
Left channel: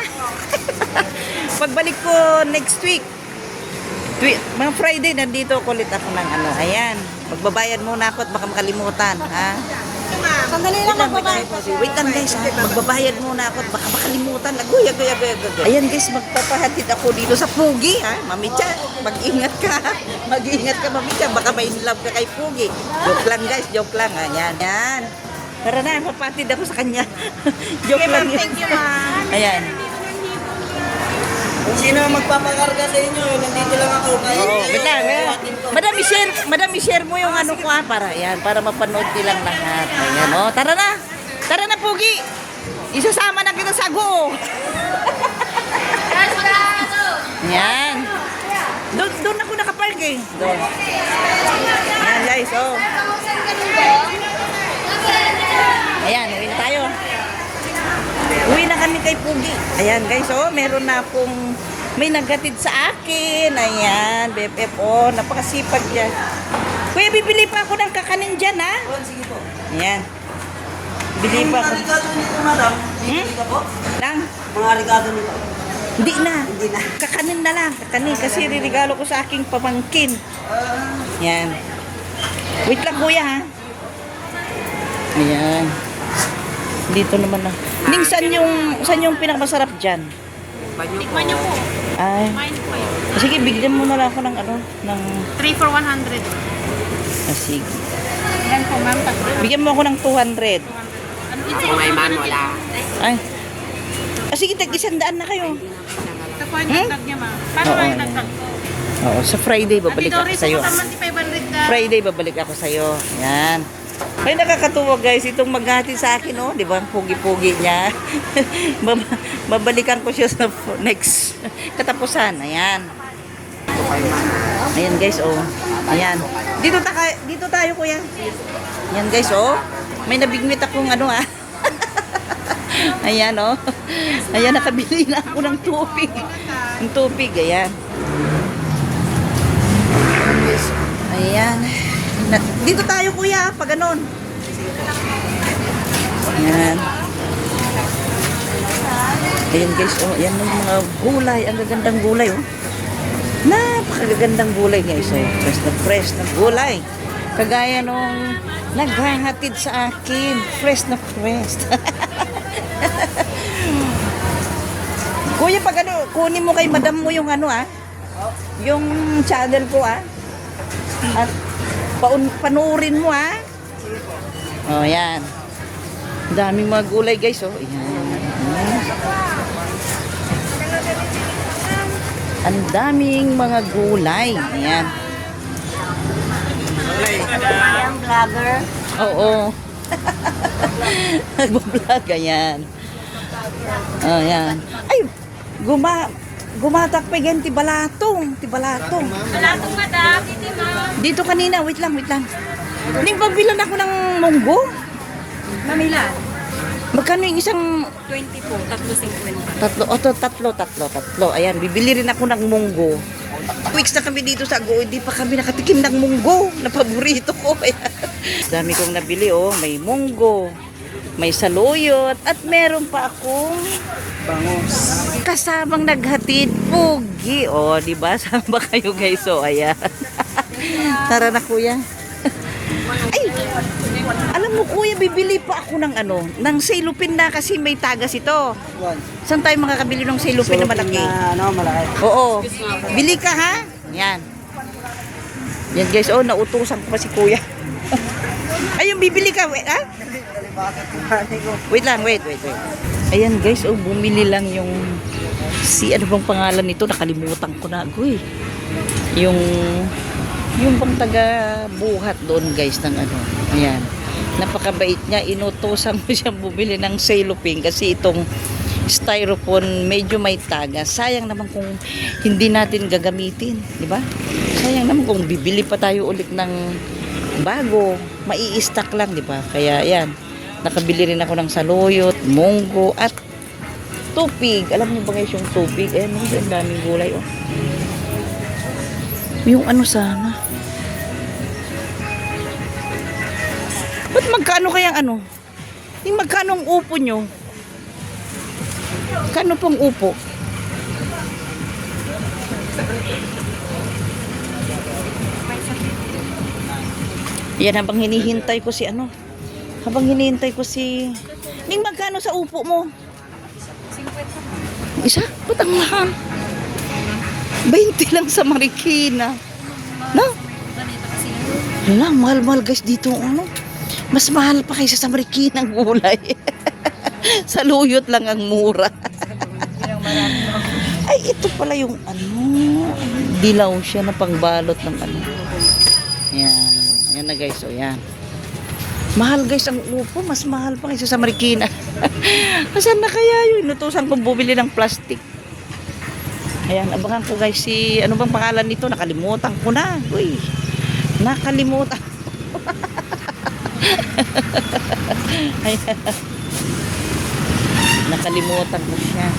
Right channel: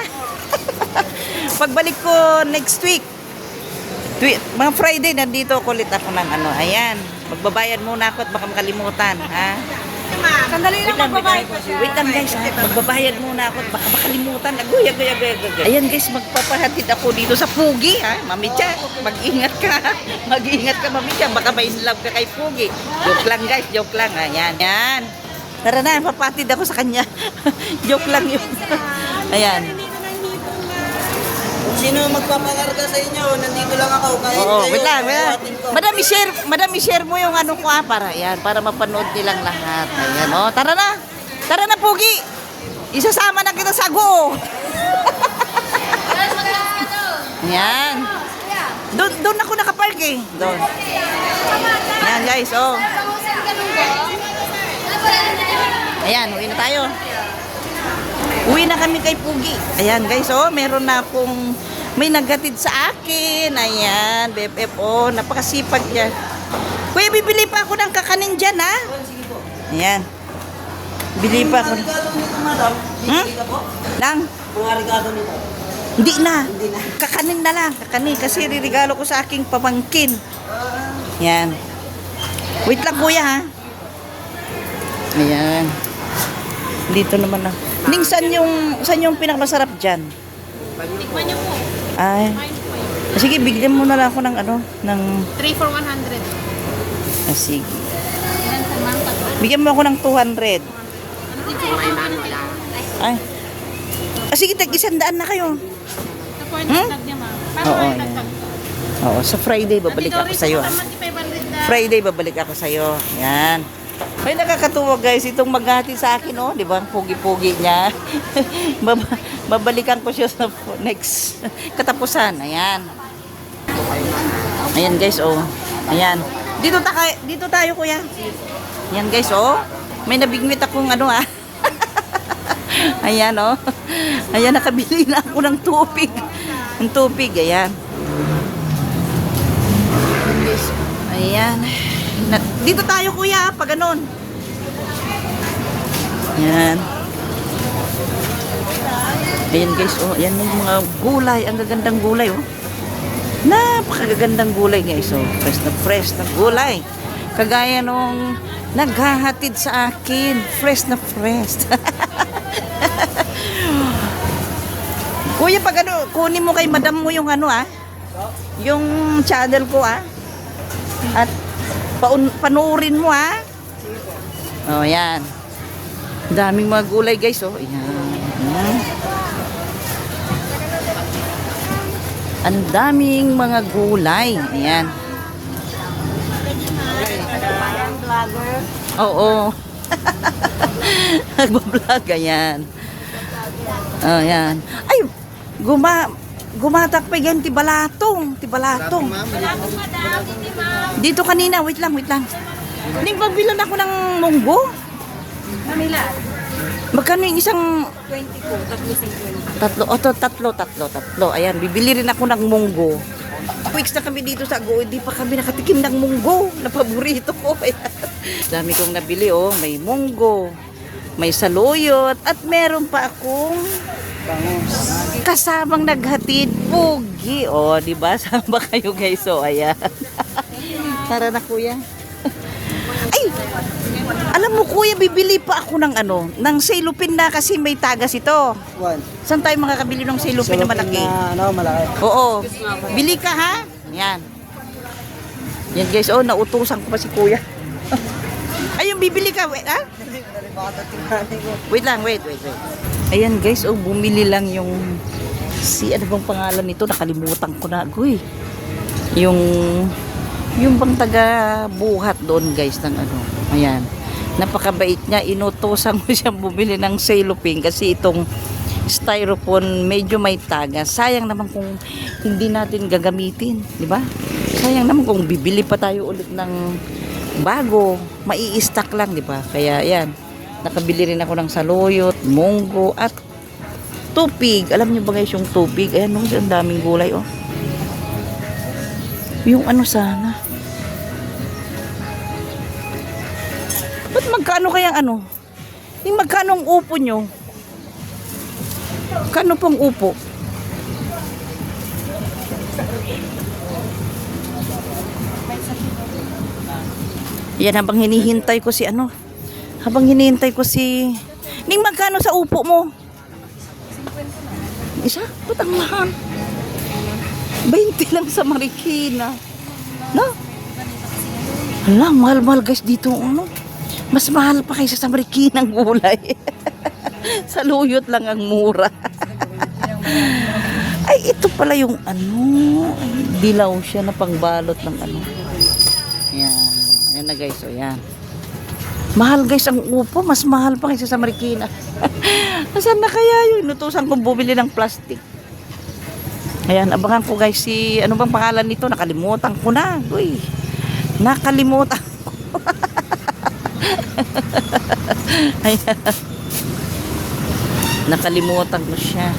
Pagbalik ko next week. Mga Friday, nandito ako ulit ako ng Ayan. Magbabayad muna ako at baka makalimutan, ha? Sandali lang magbabayad. Wait lang guys, ha? Magbabayad muna ako at baka makalimutan. Aguya. Ayan guys, magpapahatid ako dito sa Pugi, ha? Mamicha, mag-ingat ka. Mag-ingat ka, Mamicha. Baka may love ka kay Pugi. Joke lang guys, joke lang. Ayan. Ayan. Tara na, papatid ako sa kanya. Joke lang yun. Ayan. Kung sino magpapakarga sa inyo, nandito lang ako. Wait lang. Madam, i-share mo yung ko, para mapanood nilang lahat. Ayan, tara na. Tara na, Pugi. Isasama na kita sa go. Ayan. Doon ako nakapark, Doon. Ayan, guys, Ayan, uwi na tayo. Uwi na kami kay Pugi. Ayan, guys, meron na akong may naghatid sa akin. Ayan, BFF, napakasipag niya. Kuya, bibili pa ako ng kakanin dyan, ha? Sige po. Ayan. Bili pa ako. Mga regalo nito, madam. Dito po. Lang? Mga regalo nito. Hindi na. Kakanin na lang. Kakanin, kasi ririgalo ko sa aking pamangkin. Ayan. Wait lang, Kuya, ha? Ayan. Dito naman na. Ning, saan yung pinakamasarap dyan? Tikman niyo po. Ay. Sige, bigyan mo na lang ako ng ng... 3 for 100. Sige. Ilan po, ma'am? Tatlo. Bigyan mo ako ng 200. Ano dito? May man, wala. Ay. Sige, tag-100 na kayo. Ito po yung dagdag niya, ma'am. Paano Oo, kayo ayan. dagdag ko? Oo, sa Friday babalik Dito ako rin sa'yo. po, 500 na. Friday babalik ako sa'yo. Yan. Ay, nakakatuwa guys, itong maghati sa akin, di ba? Ang pugi-pugi niya. Babalikan ko siya sa next katapusan. Ayan. Ayan guys, Ayan. Dito tayo, Kuya. Ayan guys, may nabigmit akong Ayan, Ayan, nakabili na ako ng tubig. Ng tubig, ayan. Ayan. Dito tayo, Kuya, pag ganun. Ayan. Ayan guys, yan yung mga gulay. Ang gagandang gulay, Napakagagandang gulay guys. Fresh na gulay. Kagaya nung naghahatid sa akin. Fresh na fresh. Kuya, pag ano, kunin mo kay madam mo yung ano yung channel ko at panuorin mo oh yan, daming mga gulay guys oh, yan. Ang daming mga gulay, ayan. Vlogger. Oo. Nagbablog, ayan. Oh, yan. Ay, gumatak pa yan, tibalatong. Balatong, madam. Dito, ma'am. Dito kanina, wait lang. Hindi, pagbilan ako ng munggo. Manila. Magkano yung isang 22, 3.50. tatlo. Ayan, bibili rin ako ng munggo. Weeks na kami dito sa Go, hindi pa kami nakatikim ng munggo na paborito ko. Dami kong nabili, oh. May munggo, may saluyot, at meron pa akong Bangus. kasamang naghatid, pugi. Oh, di ba? Sama kayo guys. So, ayan. Tara na kuya. Ay, alam mo kuya, bibili pa ako ng ng silupin na kasi may tagas ito. What? Saan tayo makakabili ng silupin na malaki? Malaki. Oo. Bili ka ha? Yan. Yan guys, oh, nautusan ko pa si kuya. Ayun, bibili ka, wait ha? Wait lang, wait. Ayan guys, oh, bumili lang yung ano bang pangalan nito? Nakalimutan ko na ako eh. Yung pang taga buhat doon guys ng ayan. Napakabait niya, inutosan mo siyang bumili ng cellophane kasi itong styrofoam medyo may tagas. Sayang naman kung hindi natin gagamitin, di ba? Sayang naman kung bibili pa tayo ulit ng bago, mai-stock lang, di ba? Kaya ayan, nakabili rin ako ng saluyot, munggo at tupig. Alam niyo ba guys yung tupig? Ayan, ang daming gulay oh. Yung sana? Ba't magkano kaya yung magkano ang upo nyo? Kano pong upo? Yan, habang hinihintay ko si Ning, magkano sa upo mo? 50. Isa? Ba't ang mahal? 20 lang sa Marikina. No? Hala, mahal-mahal guys dito. Mas mahal pa kaysa sa Marikina ang gulay. Sa luyot lang ang mura. Ay, ito pala yung dilaw siya na pangbalot ng Yan. Yan na guys. O yan. Mahal guys ang upo. Mas mahal pa kaysa sa Marikina. Asan na kaya yun? Inutusan kong bumili ng plastic. Ayan, abangan ko guys ano bang pangalan nito? Nakalimutan ko na. Uy, nakalimutan ko. Ayan. Nakalimutan ko siya.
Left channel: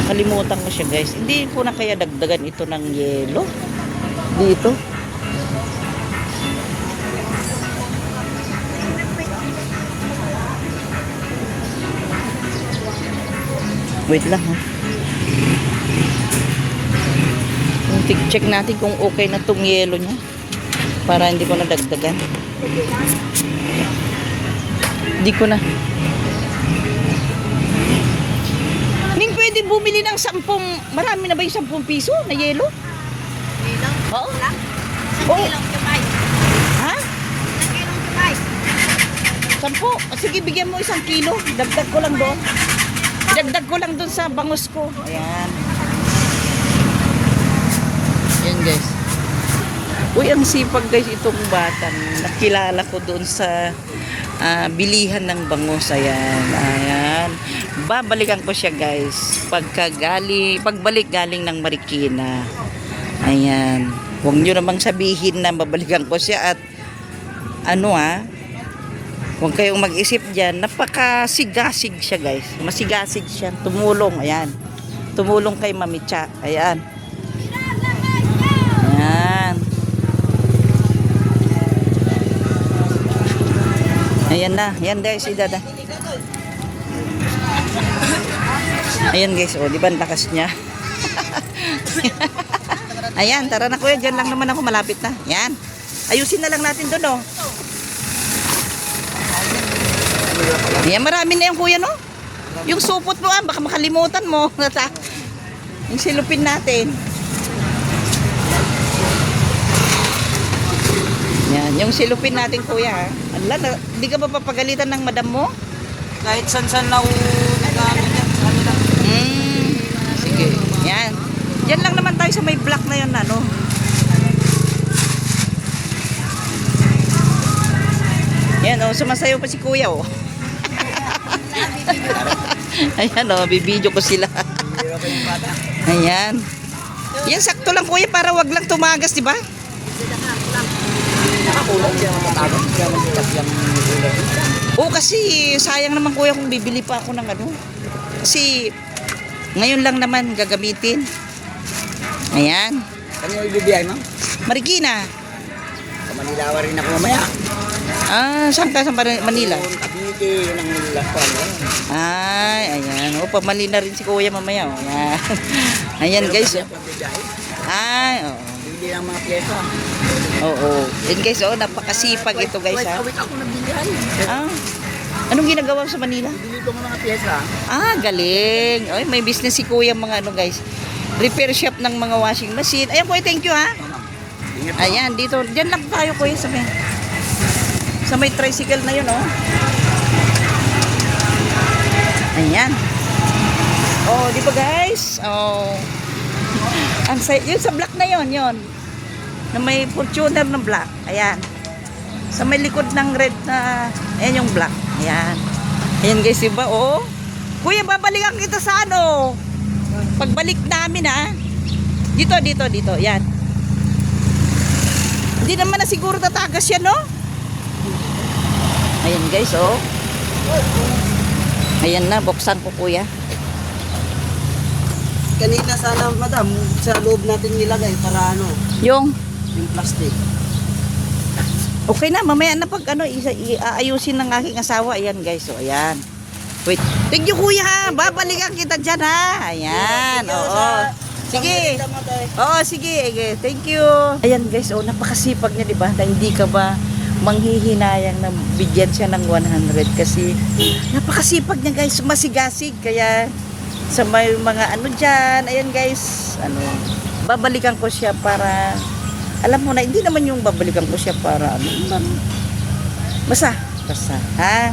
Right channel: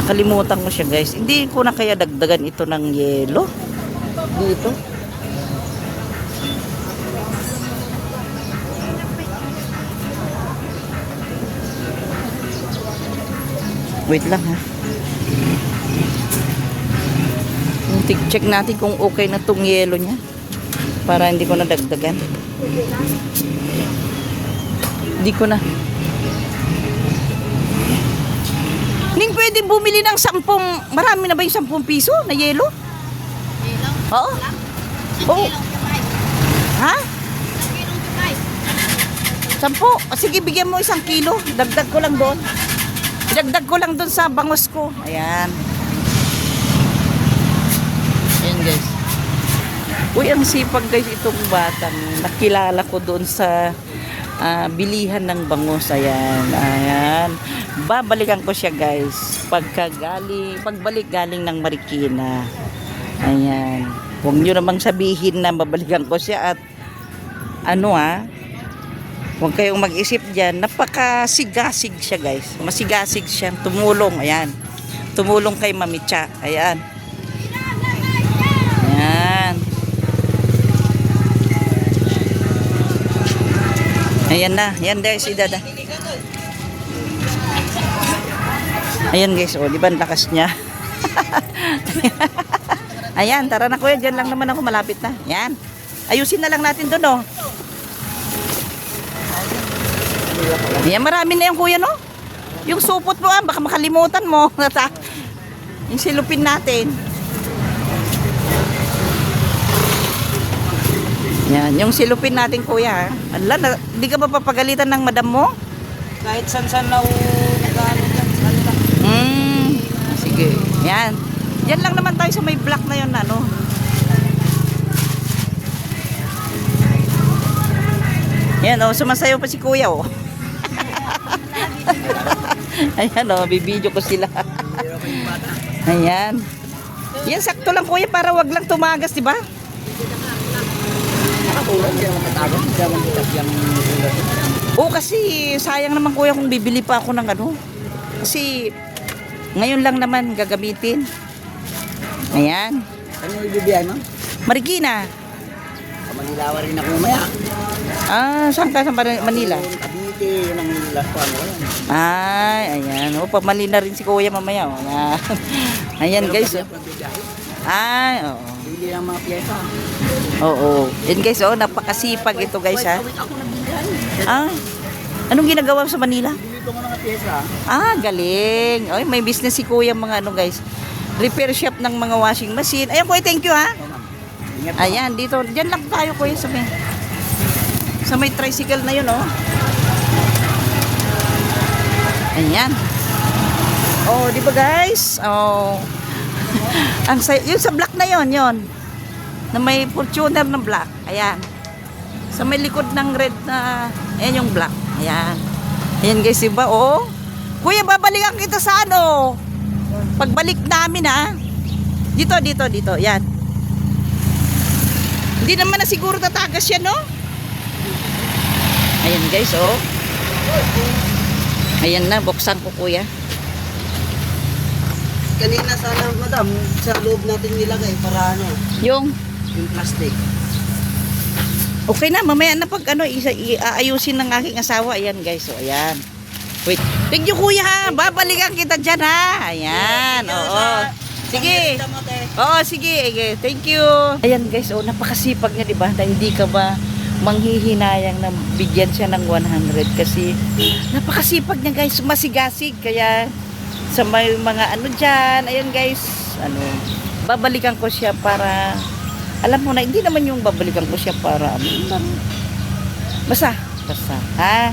Nakalimutan ko siya guys. Hindi ko na kaya dagdagan ito ng yelo. Dito. Wait lang ha. Check natin kung okay na tong yelo niya. Para hindi ko na dagdagan. Hindi ko na. Ning, pwede bumili ng 10. Marami na ba yung 10 piso na yelo? Oo. Oo. Ha? 10. Sige, bigyan mo 1 kilo. Dagdag ko lang doon. Dagdag ko lang doon sa bangus ko. Ayan. Ayan guys. Uy, ang sipag guys itong batang. Nakilala ko doon sa bilihan ng bangus. Ayan. Ayan. Babalikan ko siya guys. Pagbalik galing ng Marikina. Ayan. Huwag nyo namang sabihin na babalikan ko siya at huwag kayong mag-isip dyan. Napakasigasig siya guys. Masigasig siya. Tumulong. Ayan. Tumulong kay Mami Cha. Ayan. Ayan. Ayan na. Ayan guys. Idada. Ayan guys. O, di ba ang lakas niya? Ayan, tara na kuya. Diyan lang naman ako, malapit na. Yan. Ayusin na lang natin doon, oh. Ayan, marami na yung kuya, no? Yung supot mo, baka makalimutan mo. Yung silupin natin. Yan, yung silupin natin kuya. Ala, hindi ka ba papagalitan ng madam mo? Kahit san-san na gamit yan sa kanila. Sige. Yan. Diyan lang naman tayo sa may block na yun, ano? Yan, oh, sumasayaw pa si kuya, oh. Ayan, oh, bibidyo ko sila. Ayan. Yan, sakto lang kuya para wag lang tumagas, di ba? Oo, kasi sayang naman kuya kung bibili pa ako ng ano. Kasi ngayon lang naman gagamitin. Ayan. Ano yung bibiyay, ma'am? Marikina. Manilawa rin ako mamaya. Saan ka sa Manila? Kabinti, yun ang lakwan. Ay, ayan. O, pamali na rin si kuya mamaya. O, na. Ayan guys. Oh. Ay, oo. Hindi lang mga pyesa. Oo. Yan guys, oh, napakasipag ito guys ha. Wait, ako nagbilihan. Anong ginagawa mo sa Manila? Bili ko mga pyesa. Galing. Ay, may business si kuya mga ano guys. Repair shop ng mga washing machine. Ayan kuya, thank you ha. Ingat po. Ayan, dito. Diyan lang tayo kuya sa may tricycle na yun, oh. Ayan. Oh, di ba guys? Oh. Yun sa black na yun. Na may Fortuner ng black. Ayan. Sa may likod ng red na, ayan yung black. Ayan. Ayan guys, diba? Oh. Kuya, babalikan kita sa ano? Pagbalik namin, ha? Dito. Yan. Hindi naman na siguro tatagas yan, no? Ayan guys, oh. Ayan na, buksan ko kuya. Kanina sana, madam, sa loob natin nilagay para ano, Yung plastic. okay na, mamaya na pag ano, aayusin ng aking asawa. Ayan guys, so ayan. Wait, thank you kuya ha, babalikan kita dyan ha. Ayan, oo. Sige. Oo, sige, thank you. Ayan guys, oh, napakasipag niya, diba? Na hindi ka ba manghihinayang na bigyan siya ng 100 kasi napakasipag niya guys, masigasig. Kaya sa may mga ano dyan, ayan guys, ano, babalikan ko siya para, alam mo na, hindi naman yung babalikan ko siya para, basta, ha?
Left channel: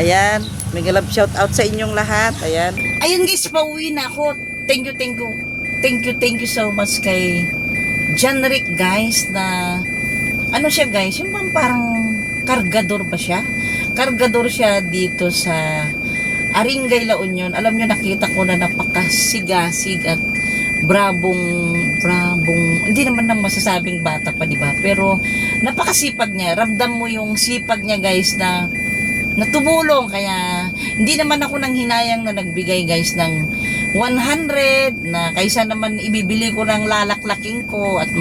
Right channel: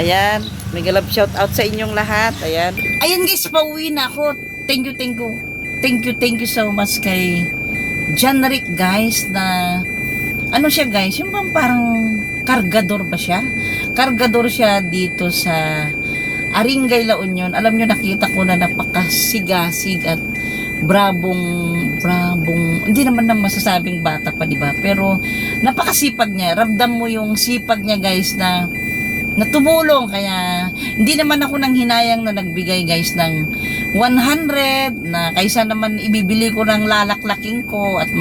Ayan, may love shout out sa inyong lahat, ayan. Ayan guys, pauwi na ako. Thank you so much kay John Rick guys na, ano siya guys, yung parang kargador ba siya? Kargador siya dito sa Aringay, La Union. Alam nyo, nakita ko na napakasigasig at brabong, hindi naman nang masasabing bata pa, diba? Pero napakasipag niya. Ramdam mo yung sipag niya guys na tumulong. Kaya hindi naman ako nang hinayang na nagbigay guys ng 100 na kaysa naman ibibili ko ng lalaklaking ko at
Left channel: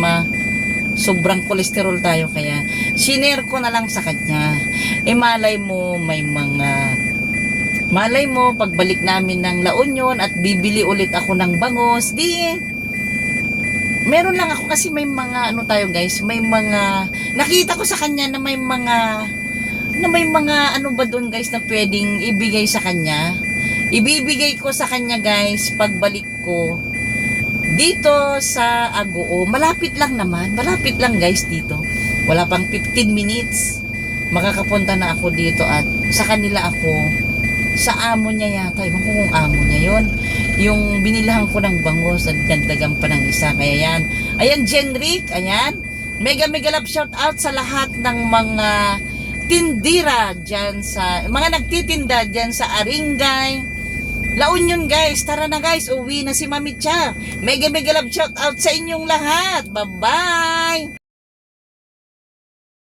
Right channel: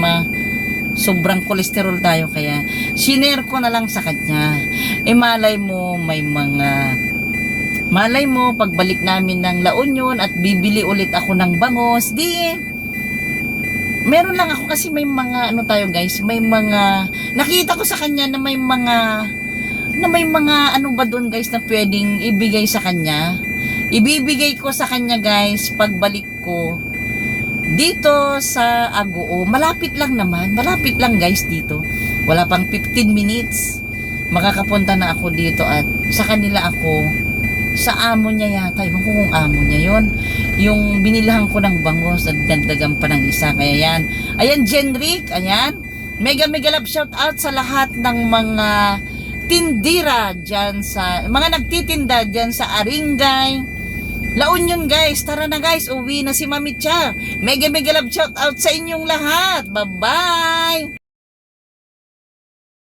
sobrang kolesterol tayo. Kaya sinare ko na lang sa kanya. Malay mo, pagbalik namin ng La Union at bibili ulit ako ng bangos, meron lang ako kasi may mga, ano tayo guys, may mga, nakita ko sa kanya na may mga, ano ba doon guys na pwedeng ibigay sa kanya. Ibibigay ko sa kanya guys, pagbalik ko, dito sa Agoo, malapit lang guys dito. Wala pang 15 minutes, makakapunta na ako dito at sa kanila ako, sa amo niya yata, ewan ko kung amo niya yon, yung binilahan ko ng bangos at dagdagan pa ng isa. Kaya yan, ayan Jenrick, ayan, mega love shout out sa lahat ng mga tindira dyan sa, mga nagtitinda dyan sa Aringay, La Union guys. Tara na guys, uwi na si Mami Cha. Mega love shout out sa inyong lahat. Bye bye.